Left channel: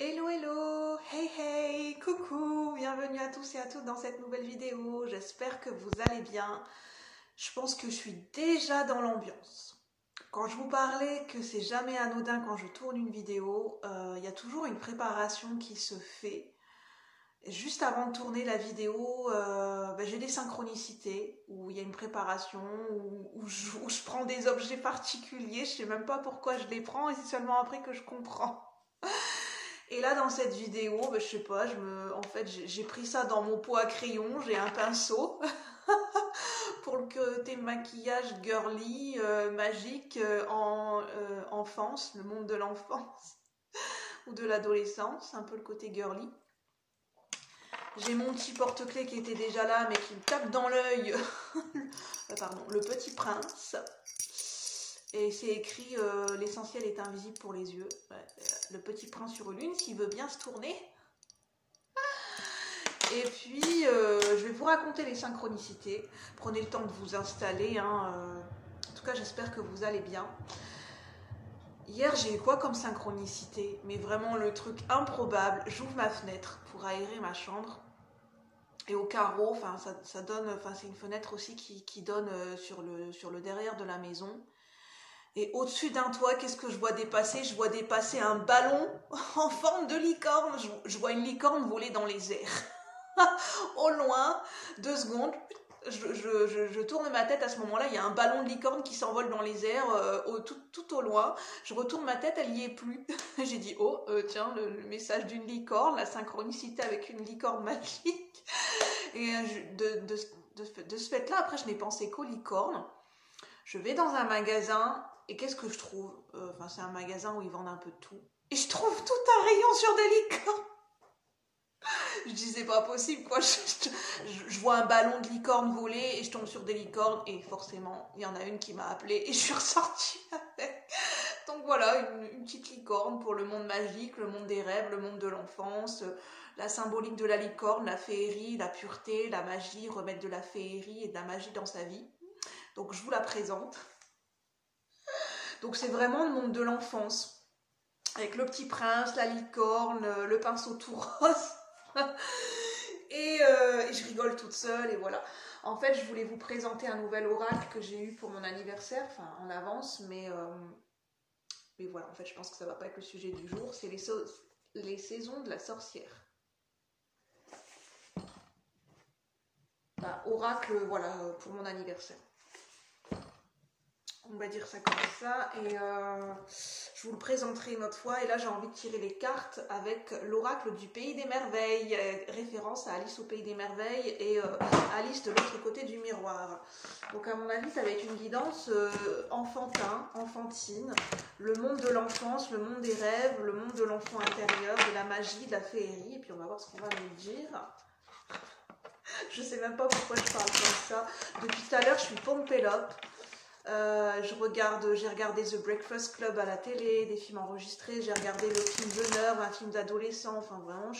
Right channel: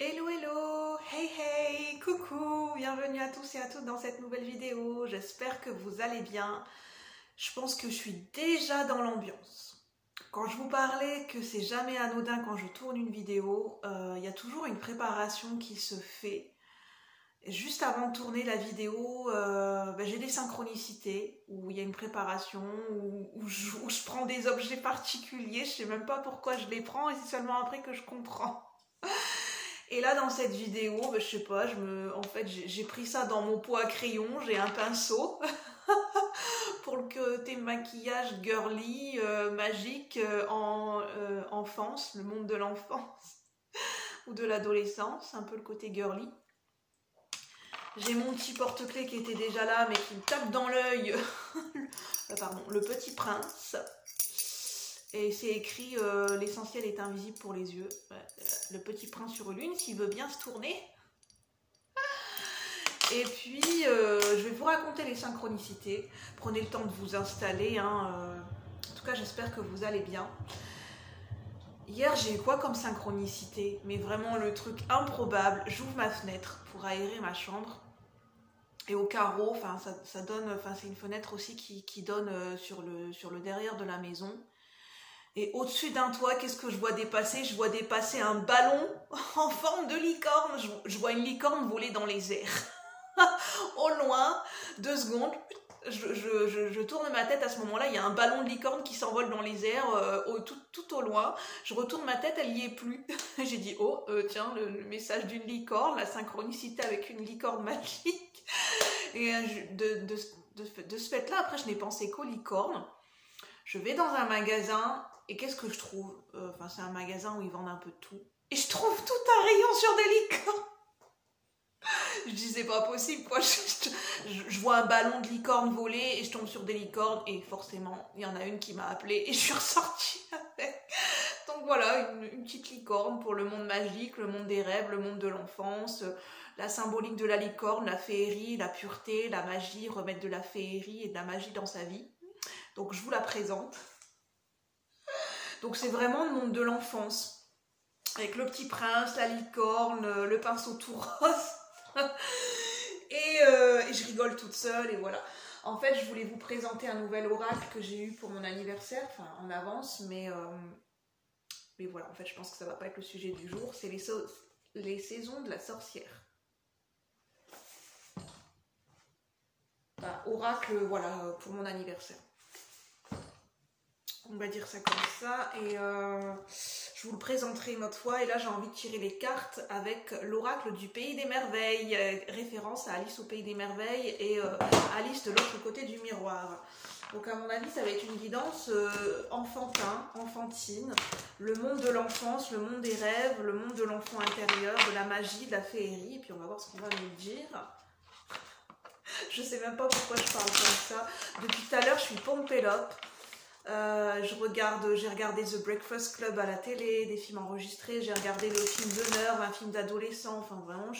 Hello hello, hey hey, coucou, bienvenue à tous et à toutes dans cette nouvelle vidéo, j'espère que vous allez bien. Je pense que je suis déjà dans l'ambiance. Quand je vous parlais que c'est jamais anodin quand je tourne une vidéo, il y a toujours une préparation qui se fait. Juste avant de tourner la vidéo, j'ai des synchronicités où il y a une préparation, où je prends des objets particuliers, je sais même pas pourquoi je les prends et c'est seulement après que je comprends. Et là dans cette vidéo, je sais pas, j'ai pris ça dans mon pot à crayon, j'ai un pinceau pour le côté maquillage girly, magique, en enfance, le monde de l'enfance ou de l'adolescence, un peu le côté girly. J'ai mon petit porte-clés qui était déjà là mais qui me tape dans l'œil, pardon, le Petit Prince. Et c'est écrit l'essentiel est invisible pour les yeux. Ouais, le Petit Prince sur Lune, s'il veut bien se tourner. Et puis, je vais vous raconter les synchronicités. Prenez le temps de vous installer. En tout cas, j'espère que vous allez bien. Hier, j'ai eu quoi comme synchronicité? Mais vraiment le truc improbable. J'ouvre ma fenêtre pour aérer ma chambre. Et au carreau, ça donne, c'est une fenêtre aussi qui donne sur le derrière de la maison. Et au-dessus d'un toit, qu'est-ce que je vois dépasser? Je vois dépasser un ballon en forme de licorne. Je vois une licorne voler dans les airs. Au loin, 2 secondes, je tourne ma tête. À ce moment-là, il y a un ballon de licorne qui s'envole dans les airs tout au loin. Je retourne ma tête, elle n'y est plus. J'ai dit, oh, tiens, le message d'une licorne, la synchronicité avec une licorne magique. Et de ce fait-là, après, je n'ai pensé qu'aux licornes. Je vais dans un magasin et qu'est-ce que je trouve? C'est un magasin où ils vendent un peu de tout. Et je trouve tout un rayon sur des licornes. Je dis c'est pas possible quoi. Je vois un ballon de licorne voler et je tombe sur des licornes et forcément il y en a une qui m'a appelée et je suis ressortie avec. Donc voilà, une petite licorne pour le monde magique, le monde des rêves, le monde de l'enfance, la symbolique de la licorne, la féerie, la pureté, la magie, remettre de la féerie et de la magie dans sa vie. Donc je vous la présente. Donc c'est vraiment le monde de l'enfance. Avec le Petit Prince, la licorne, le pinceau tout rose. et je rigole toute seule et voilà. En fait, je voulais vous présenter un nouvel oracle que j'ai eu pour mon anniversaire, enfin en avance, mais voilà, en fait, je pense que ça va pas être le sujet du jour. C'est les saisons de la sorcière. Enfin, oracle, voilà, pour mon anniversaire. On va dire ça comme ça et je vous le présenterai une autre fois. Et là j'ai envie de tirer les cartes avec l'oracle du Pays des Merveilles, référence à Alice au Pays des Merveilles et Alice de l'autre côté du miroir. Donc à mon avis ça va être une guidance enfantine, le monde de l'enfance, le monde des rêves, le monde de l'enfant intérieur, de la magie, de la féerie. Et puis on va voir ce qu'on va nous dire. Je sais même pas pourquoi je parle comme ça. Depuis tout à l'heure je suis pompelope. J'ai regardé The Breakfast Club à la télé, des films enregistrés, j'ai regardé le film d'honneur, un film d'adolescent, enfin vraiment,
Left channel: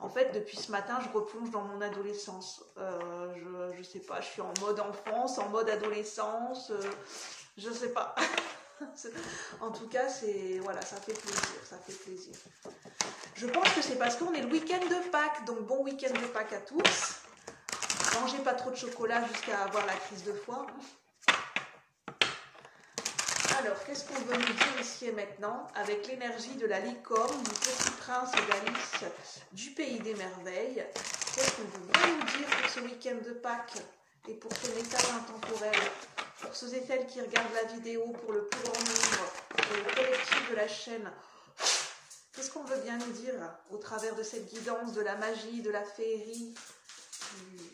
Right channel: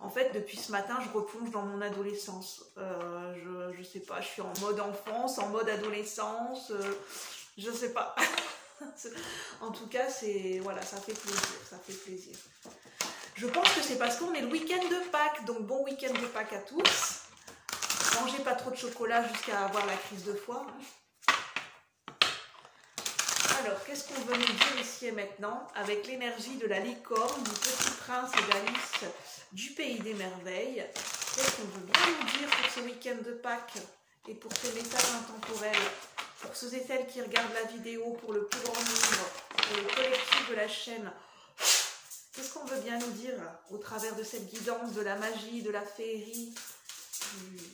en fait, depuis ce matin, je replonge dans mon adolescence. Je sais pas, je suis en mode enfance, en mode adolescence, je sais pas. En tout cas, voilà, ça fait plaisir. Je pense que c'est parce qu'on est le week-end de Pâques, donc bon week-end de Pâques à tous. Mangez pas trop de chocolat jusqu'à avoir la crise de foie. Alors, qu'est-ce qu'on veut nous dire ici et maintenant avec l'énergie de la licorne, du Petit Prince et d'Alice du Pays des Merveilles? Qu'est-ce qu'on veut bien nous dire pour ce week-end de Pâques et pour ce message intemporel? Pour ceux et celles qui regardent la vidéo pour le plus grand nombre, pour le collectif de la chaîne, qu'est-ce qu'on veut bien nous dire au travers de cette guidance de la magie, de la féerie,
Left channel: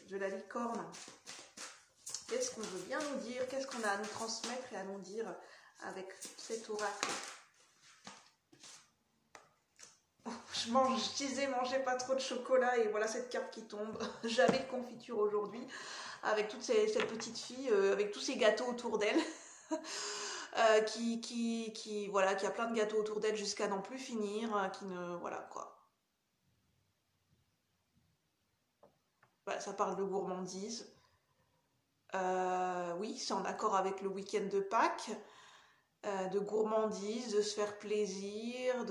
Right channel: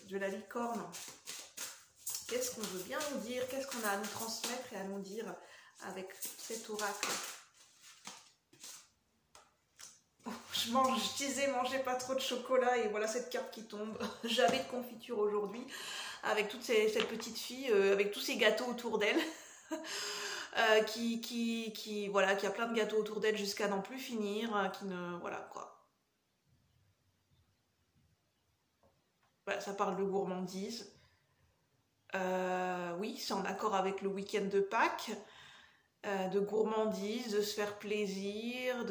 de la licorne? Qu'est-ce qu'on veut bien nous dire? Qu'est-ce qu'on a à nous transmettre et à nous dire avec cet oracle? Je disais mangez pas trop de chocolat et voilà cette carte qui tombe. J'avais de confiture aujourd'hui avec toute cette petite fille, avec tous ces gâteaux autour d'elle. Qui a plein de gâteaux autour d'elle jusqu'à n'en plus finir, voilà quoi. Voilà, ça parle de gourmandise. Oui, c'est en accord avec le week-end de Pâques. De gourmandise, de se faire plaisir,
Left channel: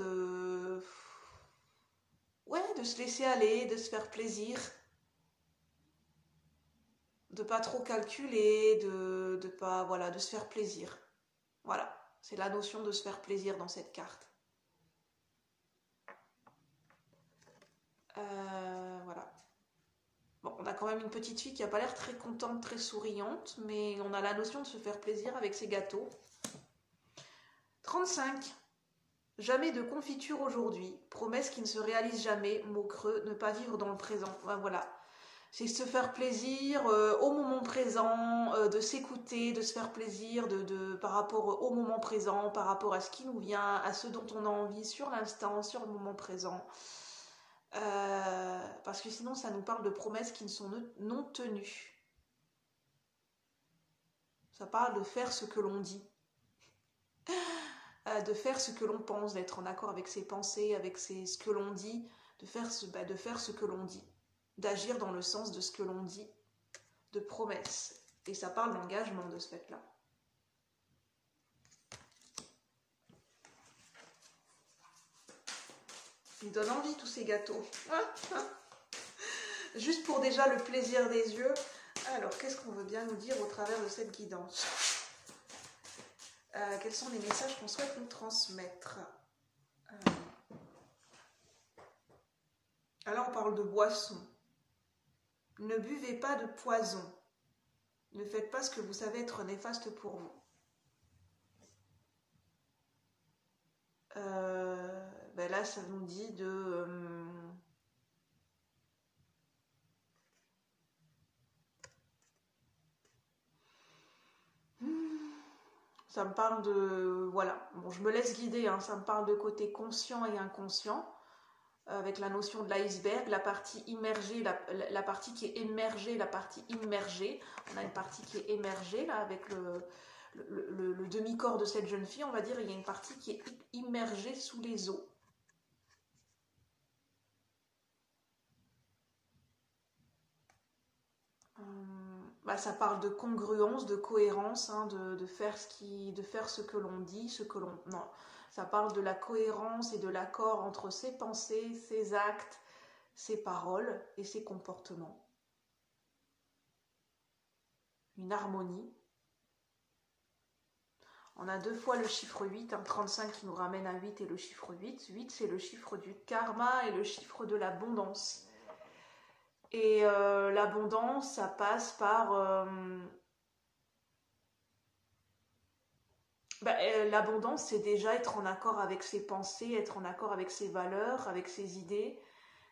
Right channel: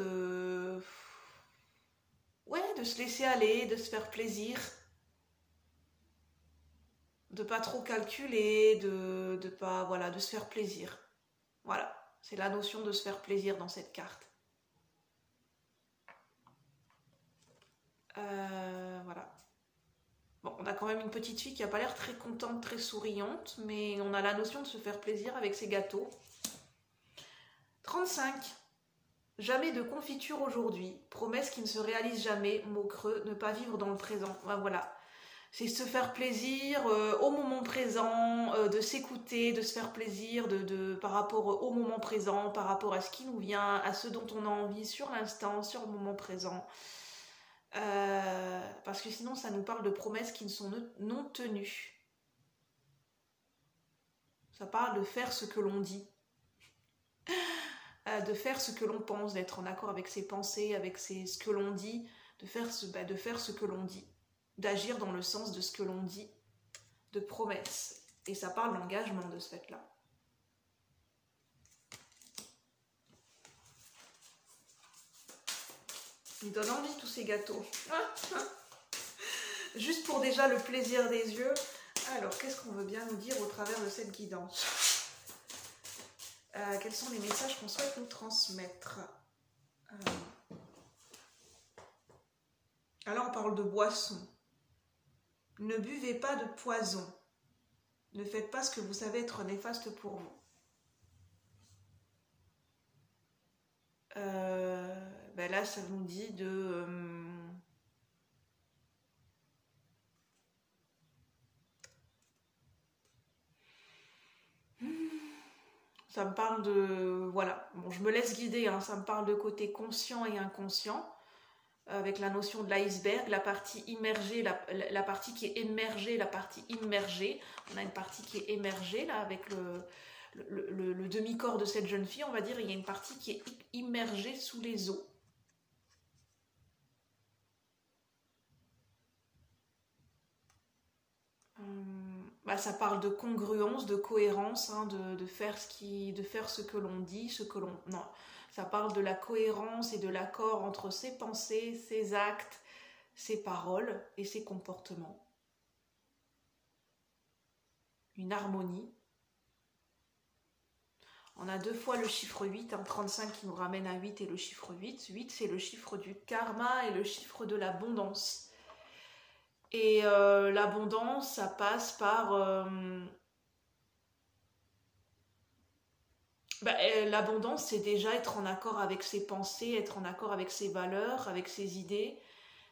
de se laisser aller, de se faire plaisir, de pas trop calculer, de pas, voilà, de se faire plaisir. Voilà, c'est la notion de se faire plaisir dans cette carte. Voilà. Bon, on a quand même une petite fille qui n'a pas l'air très contente, très souriante, mais on a la notion de se faire plaisir avec ses gâteaux. 35. Jamais de confiture aujourd'hui. Promesse qui ne se réalise jamais. Mot creux. Ne pas vivre dans le présent. Voilà. C'est se faire plaisir au moment présent, de s'écouter, de se faire plaisir par rapport au moment présent, par rapport à ce qui nous vient, à ce dont on a envie sur l'instant, sur le moment présent. Parce que sinon ça nous parle de promesses qui ne sont non tenues. Ça parle de faire ce que l'on dit, de faire ce que l'on pense, d'être en accord avec ses pensées, avec ce que l'on dit, de faire ce que l'on dit, d'agir dans le sens de ce que l'on dit, de promesses. Et ça parle d'engagement de ce fait-là. Il donne envie tous ces gâteaux. Juste pour déjà le plaisir des yeux. Alors, qu'est-ce qu'on veut bien nous dire au travers de cette guidance? Quels sont les messages qu'on souhaite nous transmettre? Alors, on parle de boisson. Ne buvez pas de poison. Ne faites pas ce que vous savez être néfaste pour vous. Là, ça nous dit de... ça me parle de... Voilà, bon, je me laisse guider, hein, ça me parle de côté conscient et inconscient, avec la notion de l'iceberg, la partie immergée, la partie qui est émergée, la partie immergée. On a une partie qui est émergée, là, avec le demi-corps de cette jeune fille, on va dire. Il y a une partie qui est immergée sous les eaux. Ça parle de congruence, de cohérence, hein, de faire ce que l'on dit, ce que l'on... Non, ça parle de la cohérence et de l'accord entre ses pensées, ses actes, ses paroles et ses comportements. Une harmonie. On a deux fois le chiffre 8, hein, 35 qui nous ramène à 8 et le chiffre 8. 8, c'est le chiffre du karma et le chiffre de l'abondance. Et l'abondance, ça passe par... l'abondance, c'est déjà être en accord avec ses pensées, être en accord avec ses valeurs, avec ses idées,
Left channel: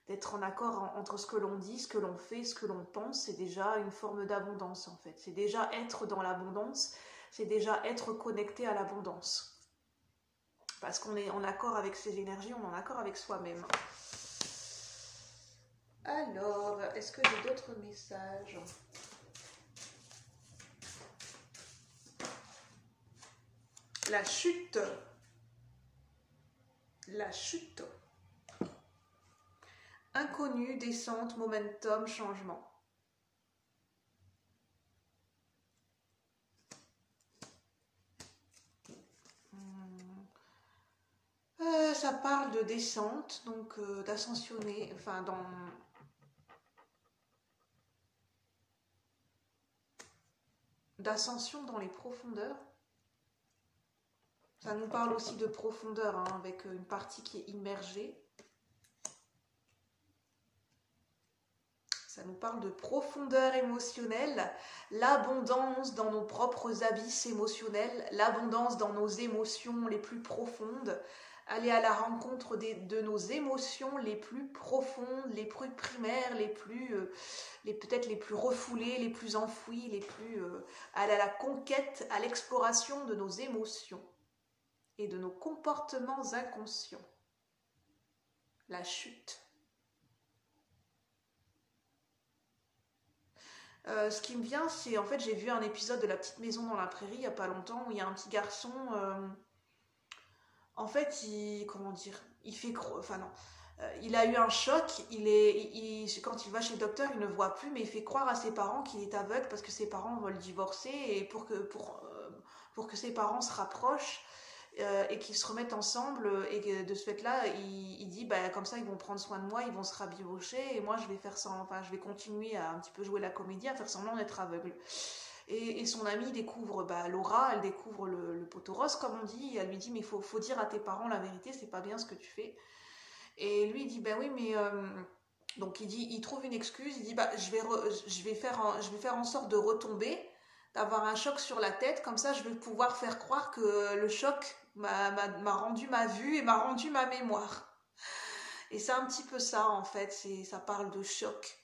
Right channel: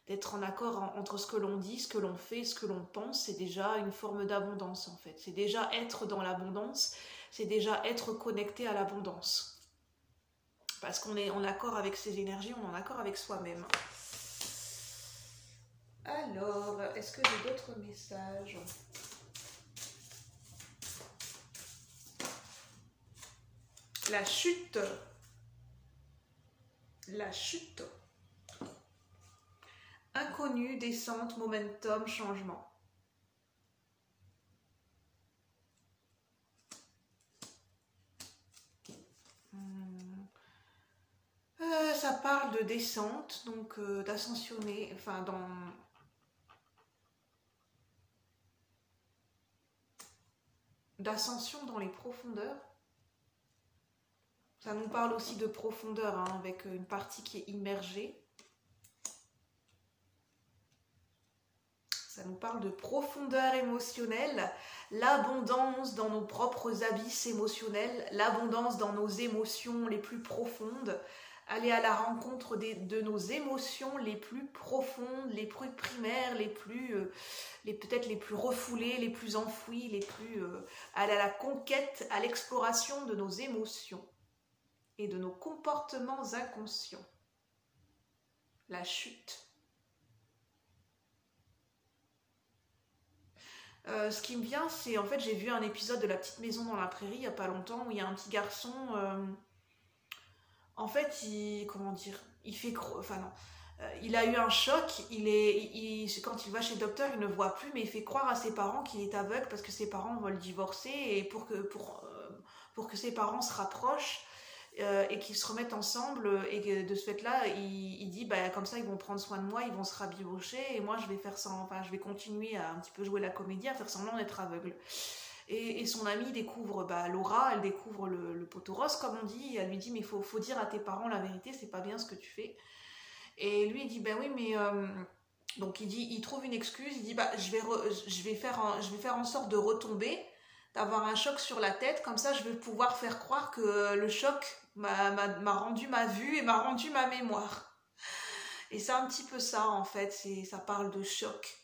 d'être en accord entre ce que l'on dit, ce que l'on fait, ce que l'on pense. C'est déjà une forme d'abondance, en fait. C'est déjà être dans l'abondance, c'est déjà être connecté à l'abondance. Parce qu'on est en accord avec ses énergies, on est en accord avec soi-même. Alors, est-ce que j'ai d'autres messages? La chute. La chute. Inconnu, descente, momentum, changement. Ça parle de descente, donc d'ascensionner, enfin d'ascension dans les profondeurs. Ça nous parle aussi de profondeur, hein, avec une partie qui est immergée. Ça nous parle de profondeur émotionnelle, l'abondance dans nos propres abysses émotionnels, l'abondance dans nos émotions les plus profondes, aller à la rencontre de nos émotions les plus profondes, les plus primaires, peut-être les plus refoulées, les plus enfouies, aller à la conquête, à l'exploration de nos émotions et de nos comportements inconscients. La chute. Ce qui me vient, c'est en fait, j'ai vu un épisode de La Petite Maison dans la Prairie il n'y a pas longtemps où il y a un petit garçon, en fait, il a eu un choc, quand il va chez le docteur, il ne voit plus, mais il fait croire à ses parents qu'il est aveugle parce que ses parents veulent divorcer et pour que ses parents se rapprochent, et qu'ils se remettent ensemble et que de ce fait-là, il dit bah, comme ça ils vont prendre soin de moi, ils vont se rabibocher et moi je vais faire ça, enfin je vais continuer à un petit peu jouer la comédie, à faire semblant d'être aveugle. Et son amie découvre Laura, elle découvre le poteau rose comme on dit, elle lui dit mais faut dire à tes parents la vérité, c'est pas bien ce que tu fais. Et lui il dit ben oui mais donc il trouve une excuse, il dit bah je vais faire en sorte de retomber, d'avoir un choc sur la tête, comme ça je vais pouvoir faire croire que le choc m'a rendu ma vue et m'a rendu ma mémoire. Et c'est un petit peu ça en fait, ça parle de choc.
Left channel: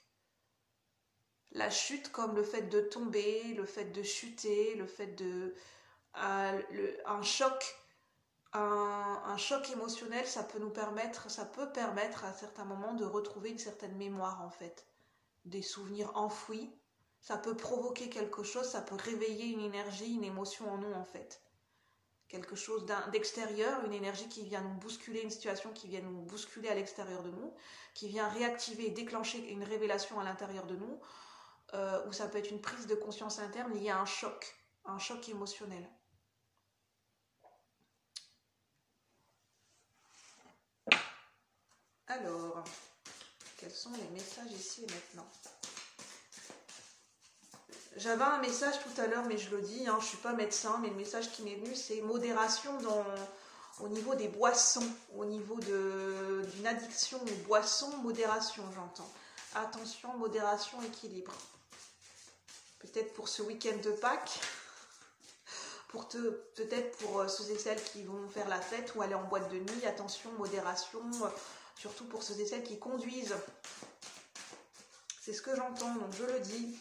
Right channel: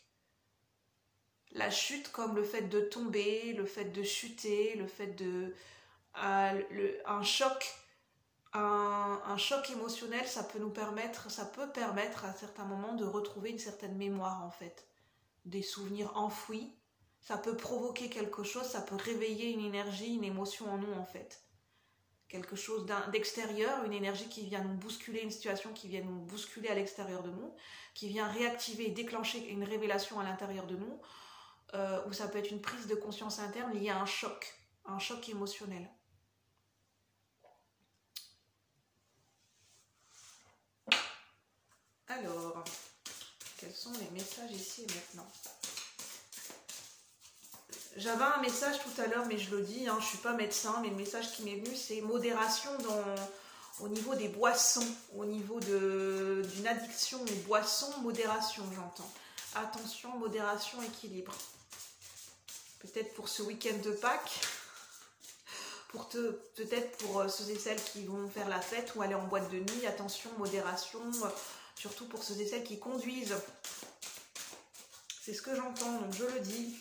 La chute comme le fait de tomber, le fait de chuter, le fait de... un choc émotionnel, ça peut permettre à certains moments de retrouver une certaine mémoire en fait. Des souvenirs enfouis, ça peut provoquer quelque chose, ça peut réveiller une énergie, une émotion en nous en fait. Quelque chose d'extérieur, une énergie qui vient nous bousculer, une situation qui vient nous bousculer à l'extérieur de nous, qui vient réactiver et déclencher une révélation à l'intérieur de nous, ou ça peut être une prise de conscience interne liée à un choc émotionnel. Alors, quels sont les messages ici et maintenant? J'avais un message tout à l'heure, mais je le dis, hein, je ne suis pas médecin, mais le message qui m'est venu, c'est modération au niveau des boissons, au niveau d'une addiction aux boissons, modération, j'entends. Attention, modération, équilibre. Peut-être pour ce week-end de Pâques, peut-être pour ceux et celles qui vont faire la fête ou aller en boîte de nuit, attention, modération, surtout pour ceux et celles qui conduisent. C'est ce que j'entends, donc je le dis.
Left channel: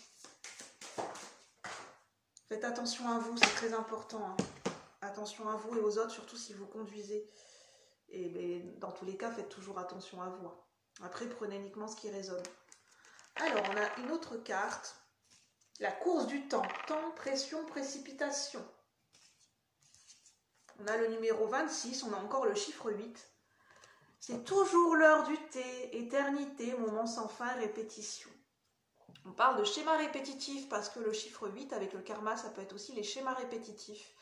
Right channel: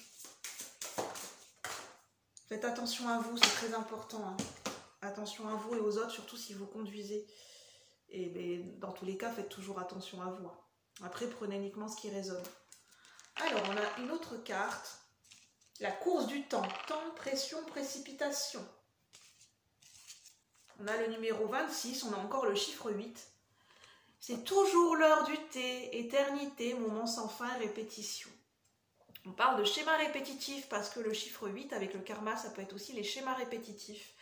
Faites attention à vous, c'est très important. Hein. Attention à vous et aux autres, surtout si vous conduisez. Et dans tous les cas, faites toujours attention à vous. Après, prenez uniquement ce qui résonne. Alors, on a une autre carte. La course du temps. Temps, pression, précipitation. On a le numéro 26, on a encore le chiffre 8. C'est toujours l'heure du thé, éternité, moment sans fin, répétition. On parle de schéma répétitif parce que le chiffre 8 avec le karma, ça peut être aussi les schémas répétitifs.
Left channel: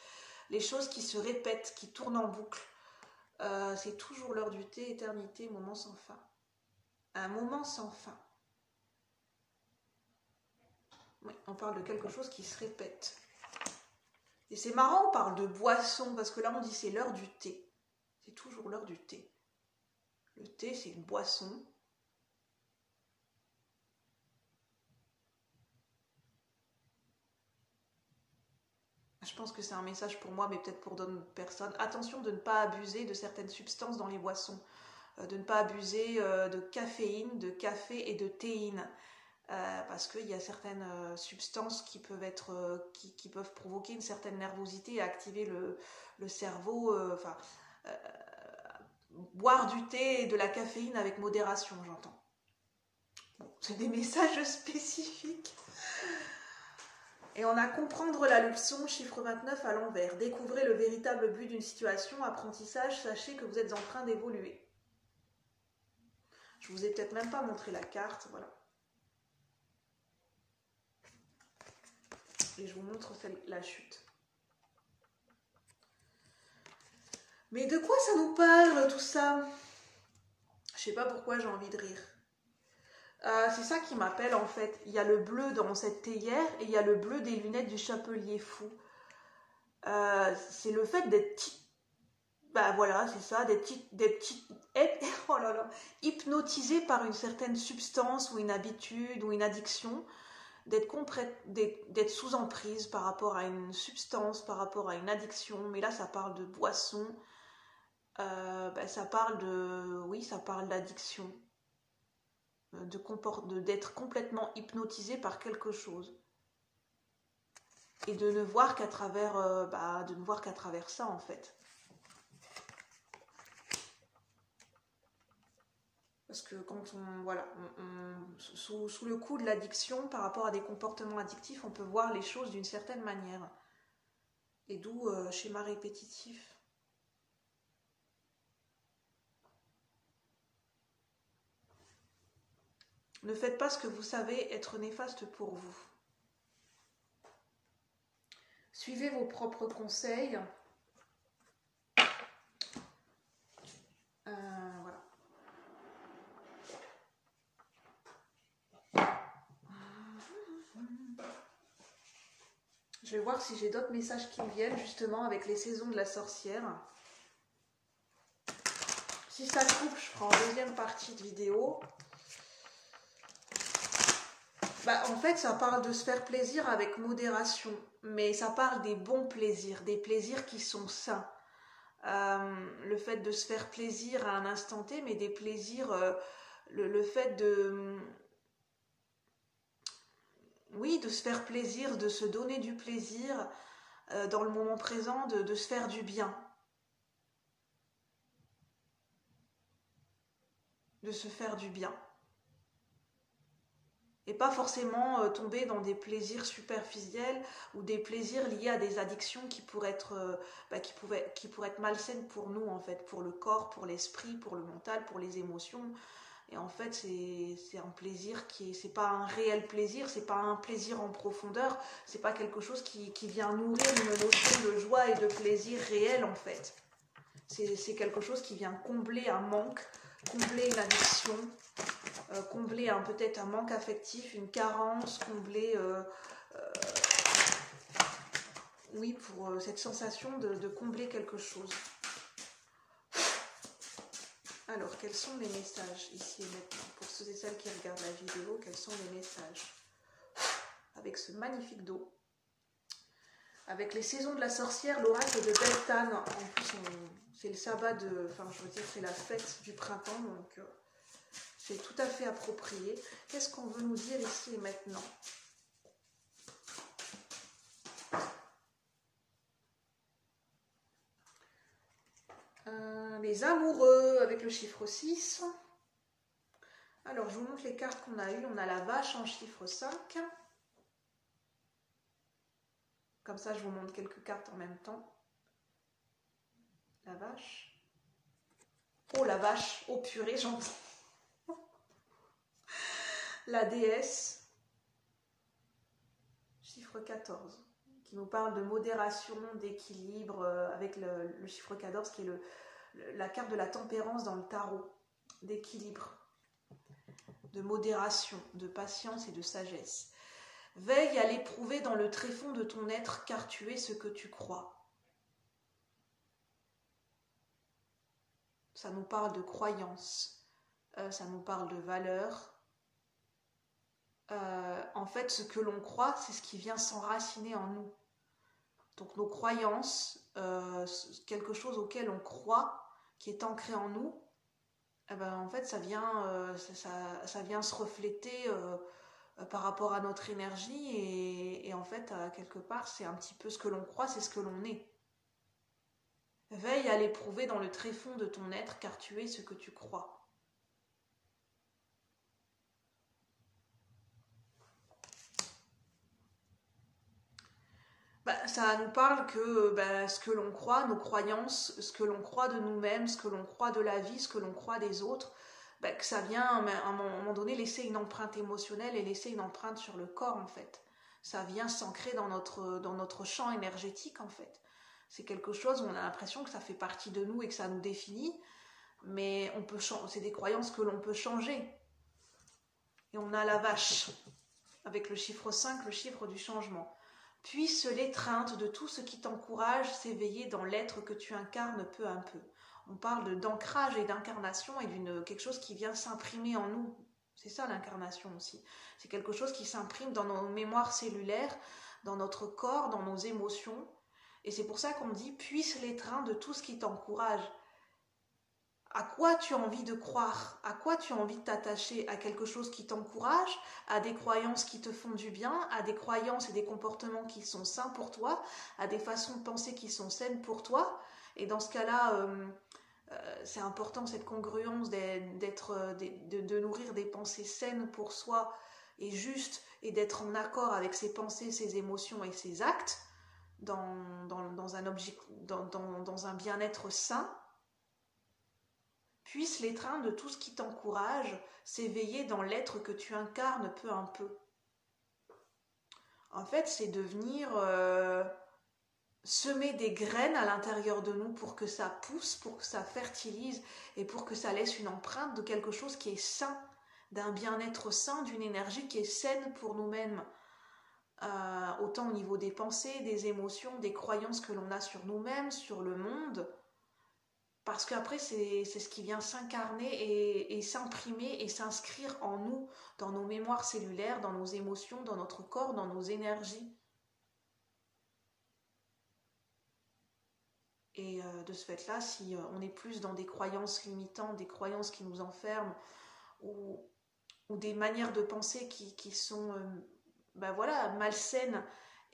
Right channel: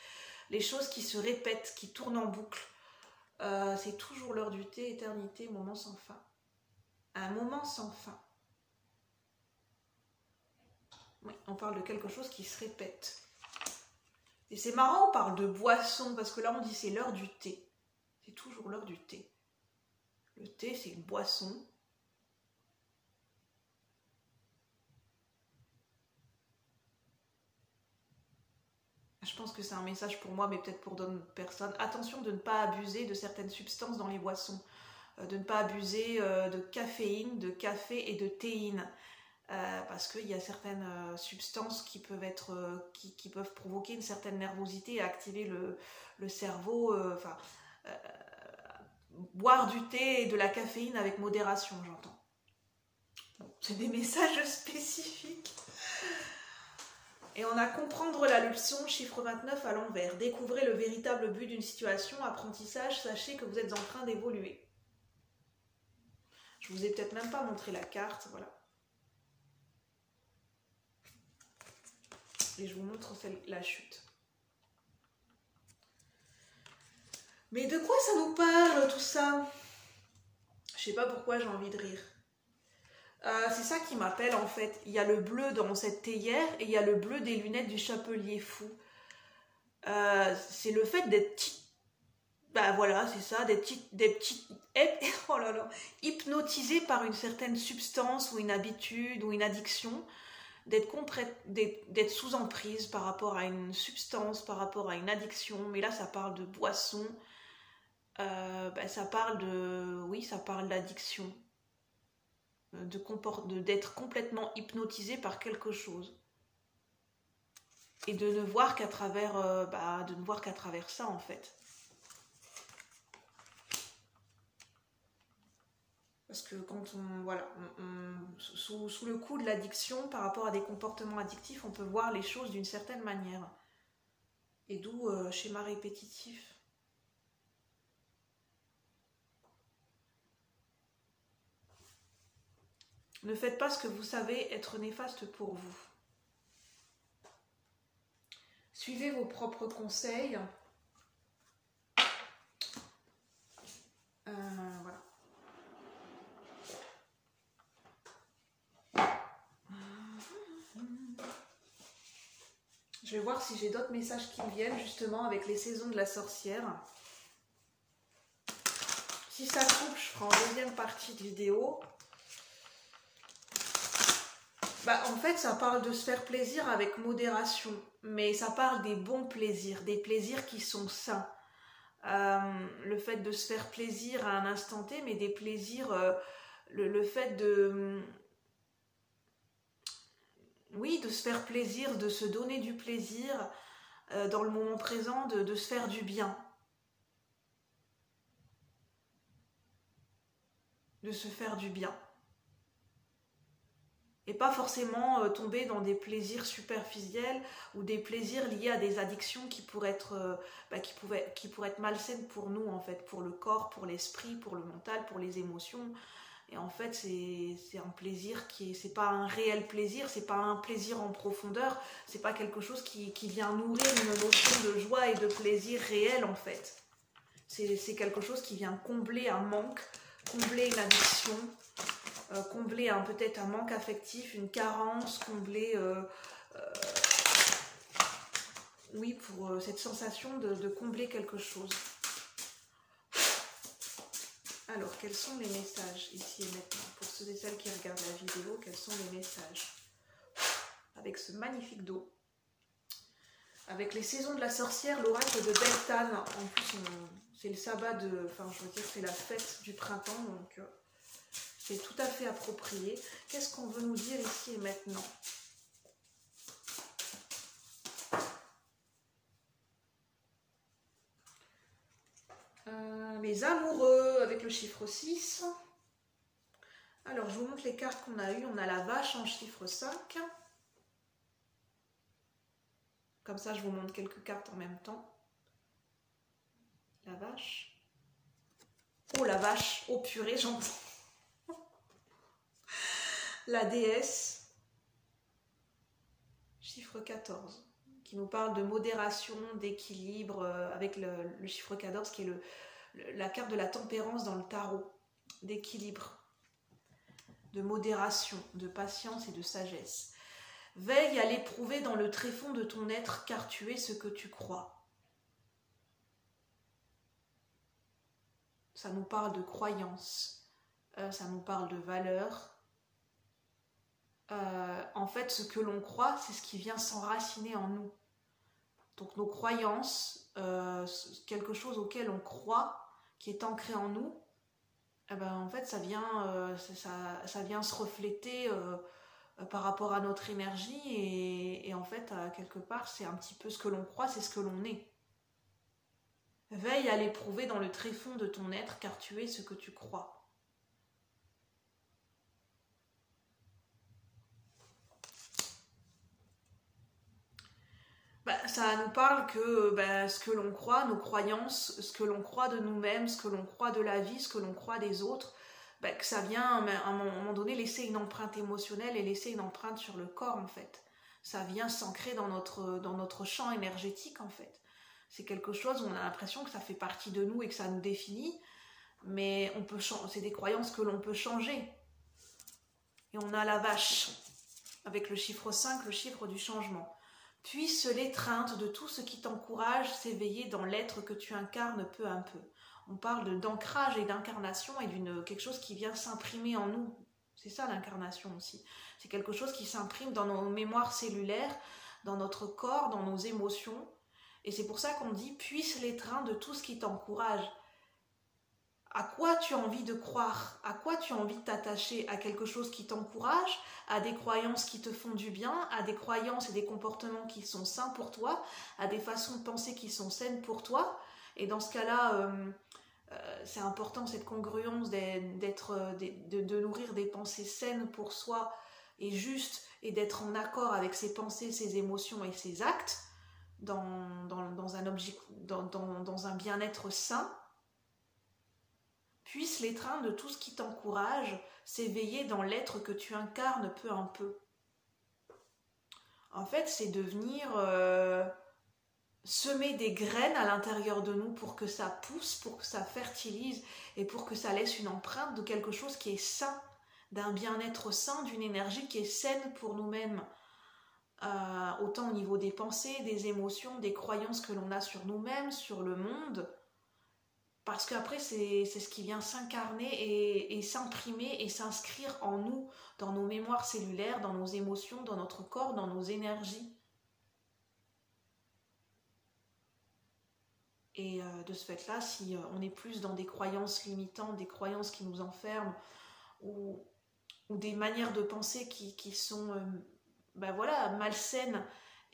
Les choses qui se répètent, qui tournent en boucle. C'est toujours l'heure du thé, éternité, moment sans fin. Un moment sans fin. Oui, on parle de quelque chose qui se répète. Et c'est marrant, on parle de boisson, parce que là on dit c'est l'heure du thé. C'est toujours l'heure du thé. Le thé, c'est une boisson. Je pense que c'est un message pour moi, mais peut-être pour d'autres personnes. Attention de ne pas abuser de certaines substances dans les boissons. De ne pas abuser de caféine, de café et de théine. Parce qu'il y a certaines substances qui peuvent provoquer une certaine nervosité et activer le cerveau. Boire du thé et de la caféine avec modération, j'entends. C'est des messages spécifiques. Et on a comprendre la leçon, chiffre 29 à l'envers. Découvrez le véritable but d'une situation, apprentissage, sachez que vous êtes en train d'évoluer. Je vous ai peut-être même pas montré la carte, voilà. Et je vous montre la chute. Mais de quoi ça nous parle tout ça? Je sais pas pourquoi j'ai envie de rire. C'est ça qui m'appelle en fait. Il y a le bleu dans cette théière et il y a le bleu des lunettes du chapelier fou. C'est le fait d'être... Ben voilà, c'est ça, des petits oh là là, hypnotisé par une certaine substance ou une habitude ou une addiction, d'être sous emprise par rapport à une substance, par rapport à une addiction. Mais là, ça parle de boisson. Ça parle d'addiction. D'être complètement hypnotisé par quelque chose et de ne voir qu'à travers ça en fait, parce que quand sous le coup de l'addiction par rapport à des comportements addictifs, on peut voir les choses d'une certaine manière, et d'où schéma répétitif. Ne faites pas ce que vous savez être néfaste pour vous. Suivez vos propres conseils. Je vais voir si j'ai d'autres messages qui viennent justement avec les saisons de la sorcière. Si ça coupe, je ferai en deuxième partie de vidéo. Bah, en fait, ça parle de se faire plaisir avec modération. Mais ça parle des bons plaisirs, des plaisirs qui sont sains. Le fait de se faire plaisir à un instant T, mais des plaisirs, le fait de... Oui, de se faire plaisir, de se donner du plaisir dans le moment présent, de se faire du bien. De se faire du bien. Et pas forcément tomber dans des plaisirs superficiels ou des plaisirs liés à des addictions qui pourraient être, qui pourraient être malsaines pour nous, en fait, pour le corps, pour l'esprit, pour le mental, pour les émotions. Et en fait, c'est un plaisir c'est pas un réel plaisir, c'est pas un plaisir en profondeur, c'est pas quelque chose qui vient nourrir une notion de joie et de plaisir réel, en fait. C'est quelque chose qui vient combler un manque, combler une addiction, combler peut-être un manque affectif, une carence, combler, oui, pour cette sensation de combler quelque chose. Alors, quels sont les messages ici et maintenant? Pour ceux et celles qui regardent la vidéo, quels sont les messages? Avec ce magnifique dos. Avec les saisons de la sorcière, l'oracle de Beltane. En plus, c'est le sabbat de... Enfin, je veux dire, c'est la fête du printemps, donc c'est tout à fait approprié. Qu'est-ce qu'on veut nous dire ici et maintenant? Les amoureux avec le chiffre 6. Alors, je vous montre les cartes qu'on a eues. On a la vache en chiffre 5. Comme ça, je vous montre quelques cartes en même temps. La vache. Oh, la vache. Oh, purée, j'entends. La déesse. Chiffre 14. Qui nous parle de modération, d'équilibre, avec le chiffre 14 qui est la carte de la tempérance dans le tarot. D'équilibre, de modération, de patience et de sagesse. Veille à l'éprouver dans le tréfonds de ton être, car tu es ce que tu crois. Ça nous parle de croyance, ça nous parle de valeur. En fait, ce que l'on croit, c'est ce qui vient s'enraciner en nous. Donc nos croyances, quelque chose auquel on croit, qui est ancré en nous, eh ben, en fait, ça vient se refléter par rapport à notre énergie et en fait, quelque part, c'est un petit peu ce que l'on croit, c'est ce que l'on est. Veille à l'éprouver dans le tréfonds de ton être, car tu es ce que tu crois. Ça nous parle que ce que l'on croit, nos croyances, ce que l'on croit de nous-mêmes, ce que l'on croit de la vie, ce que l'on croit des autres, que ça vient à un moment donné laisser une empreinte émotionnelle et laisser une empreinte sur le corps, en fait. Ça vient s'ancrer dans notre champ énergétique, en fait. C'est quelque chose où on a l'impression que ça fait partie de nous et que ça nous définit, mais c'est des croyances que l'on peut changer. Et on a la vache, avec le chiffre 5, le chiffre du changement. Puisse l'étreinte de tout ce qui t'encourage s'éveiller dans l'être que tu incarnes peu à peu. On parle d'ancrage et d'incarnation et quelque chose qui vient s'imprimer en nous. C'est ça l'incarnation aussi. C'est quelque chose qui s'imprime dans nos mémoires cellulaires, dans notre corps, dans nos émotions. Et c'est pour ça qu'on dit « puisse l'étreinte de tout ce qui t'encourage ». À quoi tu as envie de croire? À quoi tu as envie de t'attacher? À quelque chose qui t'encourage? À des croyances qui te font du bien? À des croyances et des comportements qui sont sains pour toi? À des façons de penser qui sont saines pour toi? Et dans ce cas-là, c'est important cette congruence de nourrir des pensées saines pour soi et justes et d'être en accord avec ses pensées, ses émotions et ses actes dans un bien-être sain. Puisse l'étreinte de tout ce qui t'encourage s'éveiller dans l'être que tu incarnes peu à peu. En fait, c'est de venir semer des graines à l'intérieur de nous pour que ça pousse, pour que ça fertilise et pour que ça laisse une empreinte de quelque chose qui est sain, d'un bien-être sain, d'une énergie qui est saine pour nous-mêmes. autant au niveau des pensées, des émotions, des croyances que l'on a sur nous-mêmes, sur le monde, parce qu'après c'est ce qui vient s'incarner et s'imprimer et s'inscrire en nous, dans nos mémoires cellulaires, dans nos émotions, dans notre corps, dans nos énergies. Et de ce fait-là, si on est plus dans des croyances limitantes, des croyances qui nous enferment, ou des manières de penser qui sont voilà, malsaines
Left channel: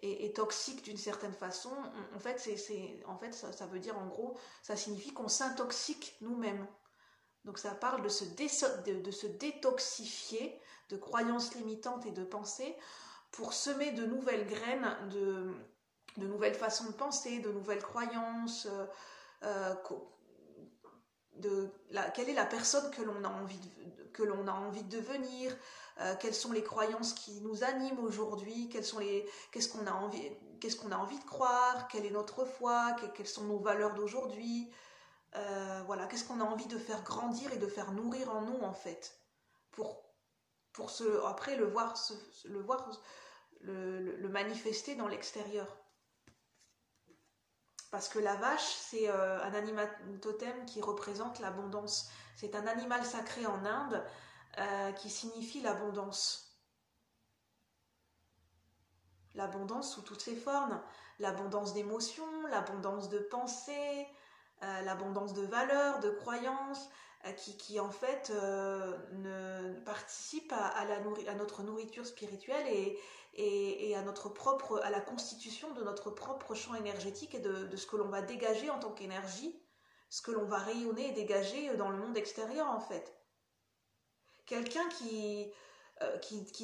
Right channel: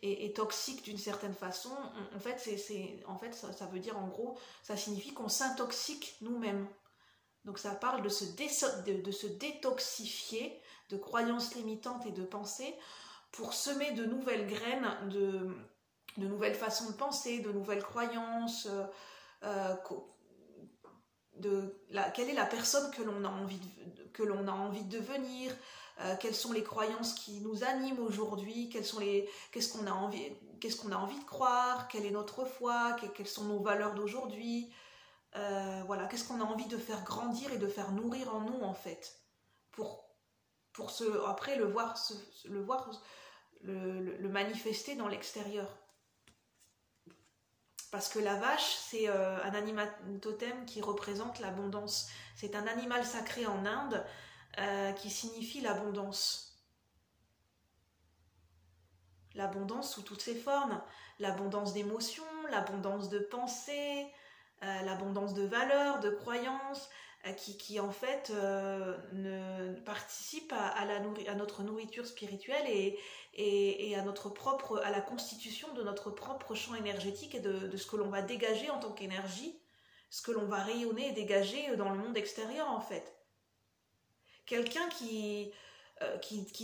et toxiques d'une certaine façon, en fait, ça veut dire en gros, ça signifie qu'on s'intoxique nous-mêmes. Donc ça parle de se détoxifier de croyances limitantes et de pensées pour semer de nouvelles graines, de nouvelles façons de penser, de nouvelles croyances, quelle est la personne que l'on a envie de devenir, quelles sont les croyances qui nous animent aujourd'hui, qu'est-ce qu'on a envie de croire, quelle est notre foi, quelles sont nos valeurs d'aujourd'hui, voilà, qu'est-ce qu'on a envie de faire grandir et de faire nourrir en nous en fait, pour après le manifester dans l'extérieur. Parce que la vache, c'est un animal totem qui représente l'abondance. C'est un animal sacré en Inde qui signifie l'abondance. L'abondance sous toutes ses formes. L'abondance d'émotions, l'abondance de pensées, l'abondance de valeurs, de croyances, qui en fait participe à notre nourriture spirituelle et à la constitution de notre propre champ énergétique et de ce que l'on va dégager en tant qu'énergie, ce que l'on va rayonner et dégager dans le monde extérieur en fait. Quelqu'un qui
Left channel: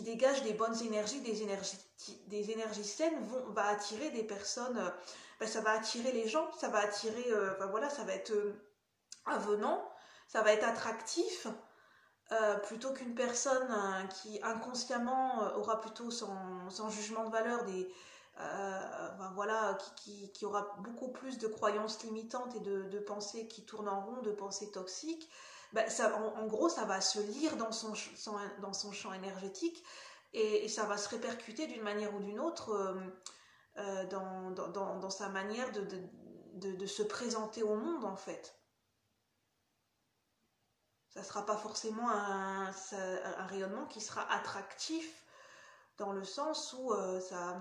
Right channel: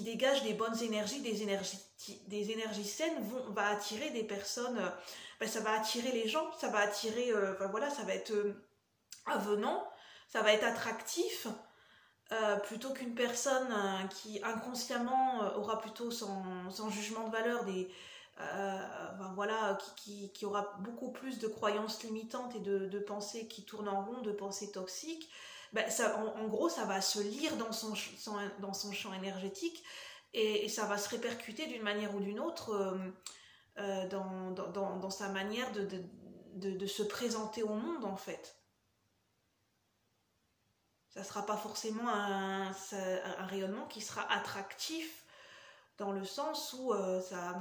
dégage des bonnes énergies, des énergies saines, va attirer des personnes, ça va attirer les gens, ça va attirer, ça va être avenant, ça va être attractif, plutôt qu'une personne qui inconsciemment aura plutôt sans jugement de valeur qui aura beaucoup plus de croyances limitantes et de pensées qui tournent en rond, de pensées toxiques. En gros, ça va se lire dans son champ énergétique et ça va se répercuter d'une manière ou d'une autre dans sa manière de se présenter au monde en fait. Ça ne sera pas forcément un rayonnement qui sera attractif dans le sens où ça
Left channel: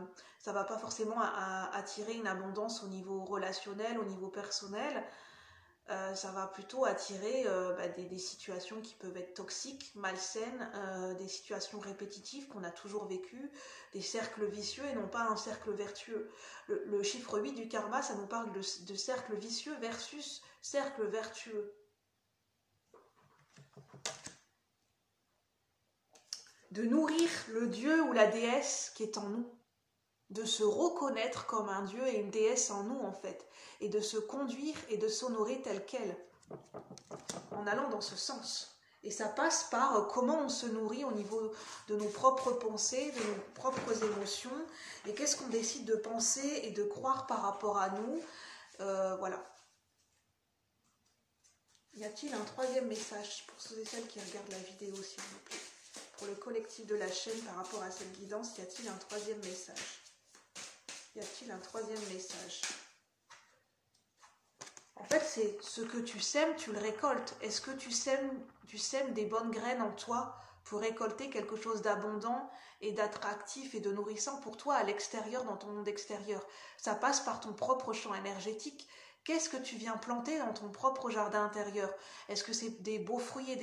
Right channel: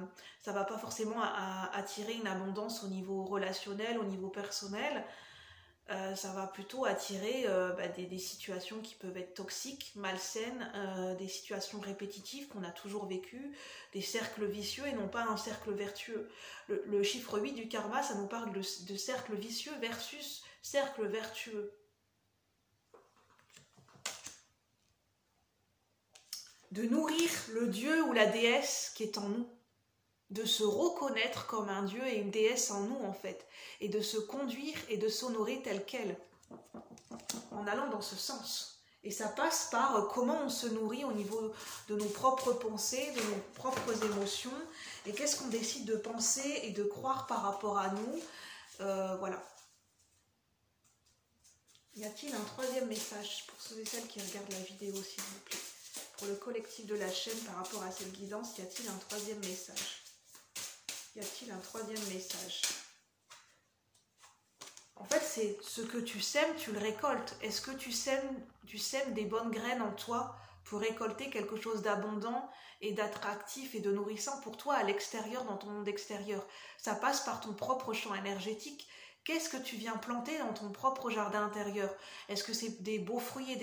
ne va pas forcément attirer une abondance au niveau relationnel, au niveau personnel. Ça va plutôt attirer des situations qui peuvent être toxiques, malsaines, des situations répétitives qu'on a toujours vécues, des cercles vicieux et non pas un cercle vertueux. Le chiffre 8 du karma, ça nous parle de cercle vicieux versus cercle vertueux. De nourrir le dieu ou la déesse qui est en nous, de se reconnaître comme un dieu et une déesse en nous en fait, et de se conduire et de s'honorer tel quel, en allant dans ce sens. Et ça passe par comment on se nourrit au niveau de nos propres pensées, de nos propres émotions, et qu'est-ce qu'on décide de penser et de croire par rapport à nous, voilà. Y a-t-il un troisième message pour ceux et celles qui regardent la vidéo, s'il vous plaît? Pour le collectif de la chaîne par rapport à cette guidance, y a-t-il un troisième message? Y a-t-il un troisième message? En fait, c'est ce que tu sèmes, tu le récoltes. Est-ce que tu sèmes des bonnes graines en toi pour récolter quelque chose d'abondant et d'attractif et de nourrissant pour toi à l'extérieur, dans ton monde extérieur? Ça passe par ton propre champ énergétique. Qu'est-ce que tu viens planter dans ton propre jardin intérieur? Est-ce que c'est des beaux fruits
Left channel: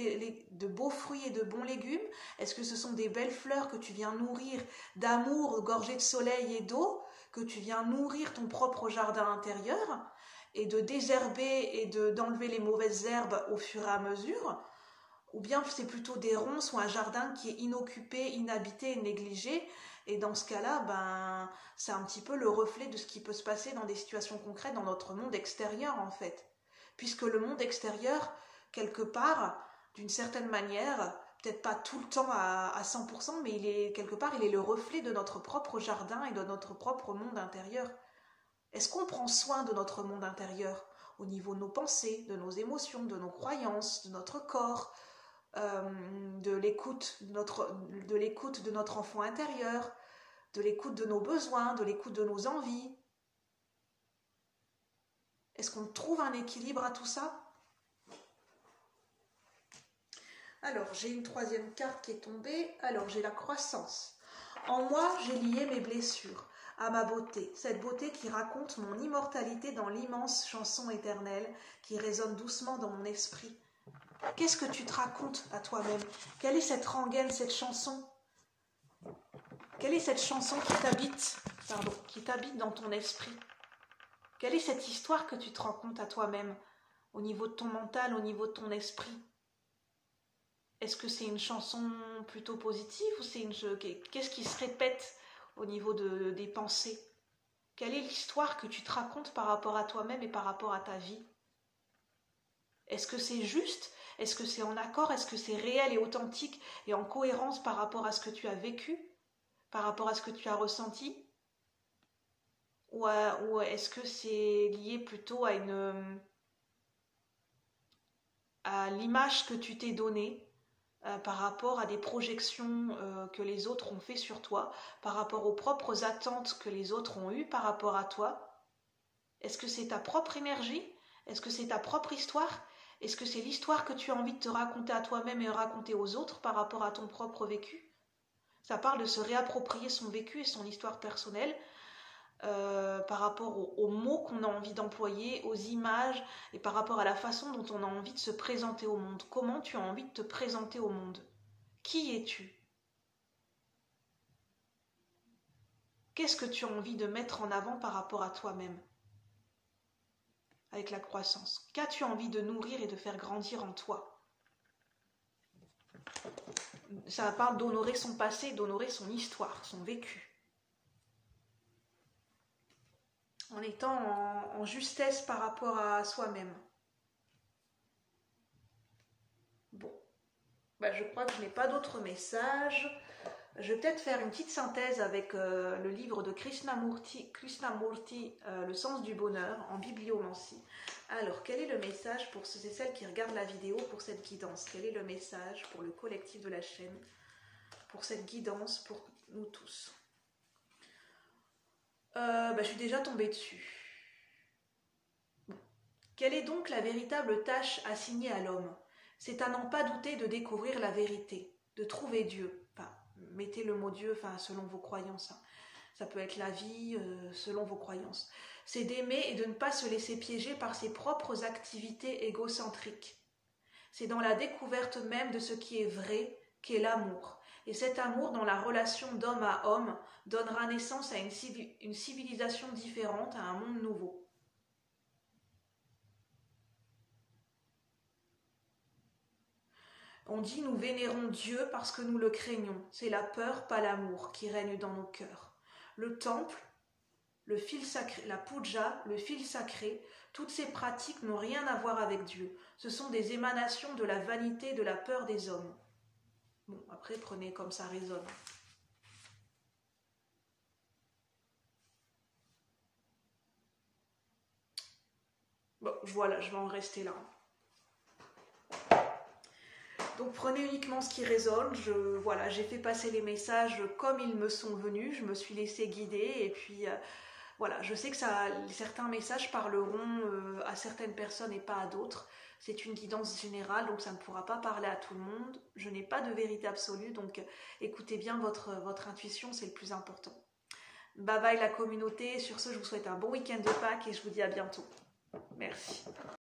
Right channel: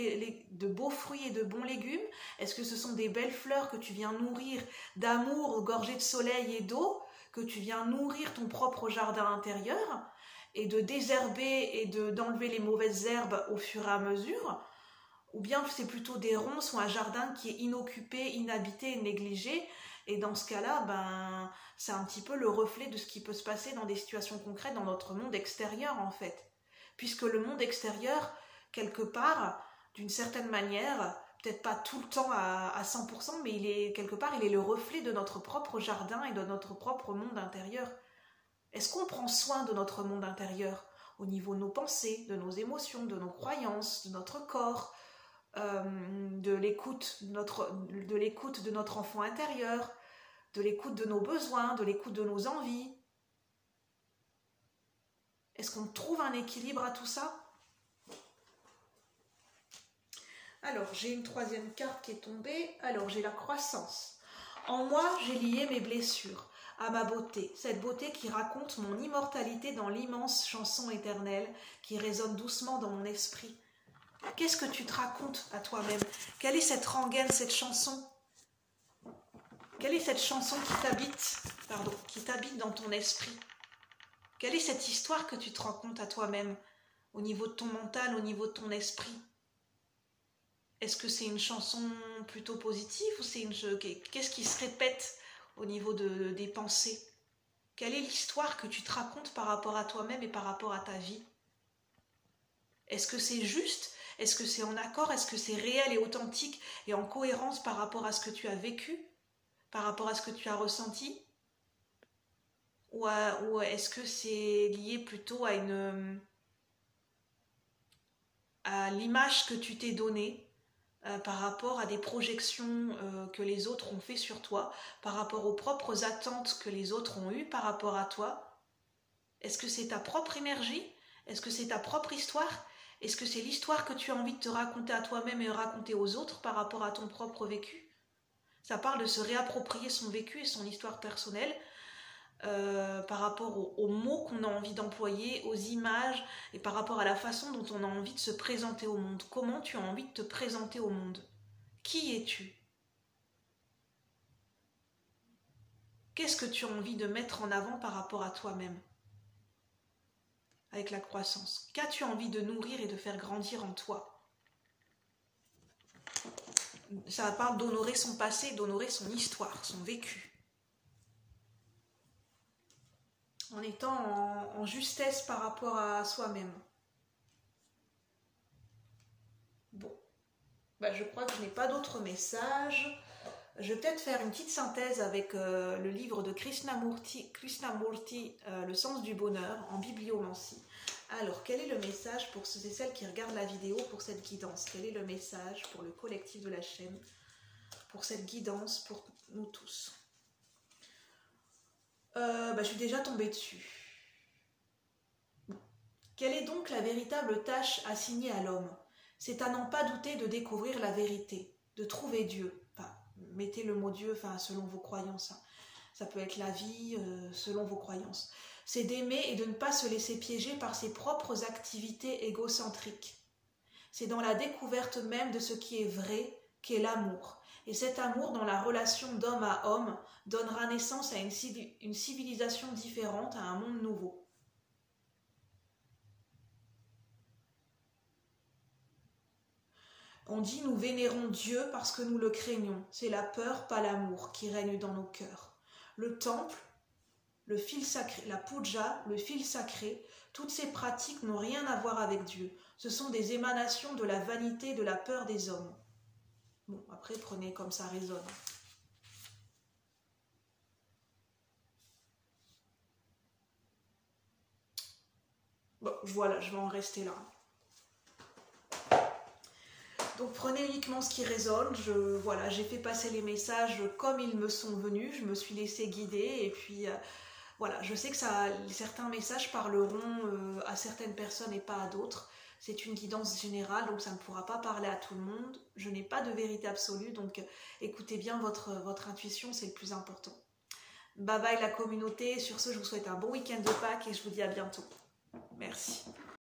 de beaux fruits et de bons légumes? Est-ce que ce sont des belles fleurs que tu viens nourrir d'amour, gorgées de soleil et d'eau, que tu viens nourrir ton propre jardin intérieur et de désherber et d'enlever les mauvaises herbes au fur et à mesure? Ou bien c'est plutôt des ronces ou un jardin qui est inoccupé, inhabité et négligé? Et dans ce cas-là, c'est un petit peu le reflet de ce qui peut se passer dans des situations concrètes dans notre monde extérieur en fait. Puisque le monde extérieur, quelque part, d'une certaine manière, peut-être pas tout le temps à 100%, mais quelque part, il est le reflet de notre propre jardin et de notre propre monde intérieur. Est-ce qu'on prend soin de notre monde intérieur au niveau de nos pensées, de nos émotions, de nos croyances, de notre corps, de l'écoute de notre enfant intérieur, de l'écoute de nos besoins, de l'écoute de nos envies. Est-ce qu'on trouve un équilibre à tout ça? Alors, j'ai une troisième carte qui est tombée. Alors, j'ai la croissance. En moi, j'ai lié mes blessures à ma beauté. Cette beauté qui raconte mon immortalité dans l'immense chanson éternelle qui résonne doucement dans mon esprit. Qu'est-ce que tu te racontes à toi-même? Quelle est cette rengaine, cette chanson? Quelle est cette chanson qui t'habite dans ton esprit? Quelle est cette histoire que tu te racontes à toi-même au niveau de ton mental, au niveau de ton esprit? Est-ce que c'est une chanson plutôt positive ou c'est qu'est-ce qui se répète au niveau des pensées? Quelle est l'histoire que tu te racontes par rapport à toi-même et par rapport à ta vie? Est-ce que c'est juste? Est-ce que c'est en accord? Est-ce que c'est réel et authentique et en cohérence par rapport à ce que tu as vécu? Par rapport à ce que tu as ressenti? Ou est-ce que c'est lié plutôt à l'image que tu t'es donnée par rapport à des projections que les autres ont fait sur toi, par rapport aux propres attentes que les autres ont eues par rapport à toi? Est-ce que c'est ta propre énergie? Est-ce que c'est ta propre histoire? Est-ce que c'est l'histoire que tu as envie de te raconter à toi-même et raconter aux autres par rapport à ton propre vécu? Ça parle de se réapproprier son vécu et son histoire personnelle par rapport aux mots qu'on a envie d'employer, aux images et par rapport à la façon dont on a envie de se présenter au monde. Comment tu as envie de te présenter au monde? Qui es-tu? Qu'est-ce que tu as envie de mettre en avant par rapport à toi-même? Avec la croissance. Qu'as-tu envie de nourrir et de faire grandir en toi? Ça parle d'honorer son passé, d'honorer son histoire, son vécu. En étant en justesse par rapport à soi-même. Bon, je crois que je n'ai pas d'autres messages. Je vais peut-être faire une petite synthèse avec le livre de Krishnamurti, Le sens du bonheur, en bibliomancie. Alors, quel est le message pour ceux et celles qui regardent la vidéo pour cette guidance? Quel est le message pour le collectif de la chaîne, pour cette guidance, pour nous tous? Je suis déjà tombée dessus. Bon. Quelle est donc la véritable tâche assignée à l'homme? C'est à n'en pas douter de découvrir la vérité, de trouver Dieu. Enfin, mettez le mot Dieu, selon vos croyances. Ça peut être la vie, selon vos croyances. C'est d'aimer et de ne pas se laisser piéger par ses propres activités égocentriques. C'est dans la découverte même de ce qui est vrai qu'est l'amour. Et cet amour, dans la relation d'homme à homme, donnera naissance à une civilisation différente, à un monde nouveau. On dit nous vénérons Dieu parce que nous le craignons. C'est la peur, pas l'amour, qui règne dans nos cœurs. Le temple, le fil sacré, la puja, le fil sacré, toutes ces pratiques n'ont rien à voir avec Dieu. Ce sont des émanations de la vanité, de la peur des hommes. Bon, après, prenez comme ça résonne. Bon, voilà, je vais en rester là. Donc prenez uniquement ce qui résonne. J'ai fait passer les messages comme ils me sont venus. Je me suis laissée guider et puis voilà, je sais que certains messages parleront à certaines personnes et pas à d'autres. C'est une guidance générale, donc ça ne pourra pas parler à tout le monde. Je n'ai pas de vérité absolue, donc écoutez bien votre intuition, c'est le plus important. Bye bye la communauté. Sur ce, je vous souhaite un bon week-end de Pâques et je vous dis à bientôt. Merci.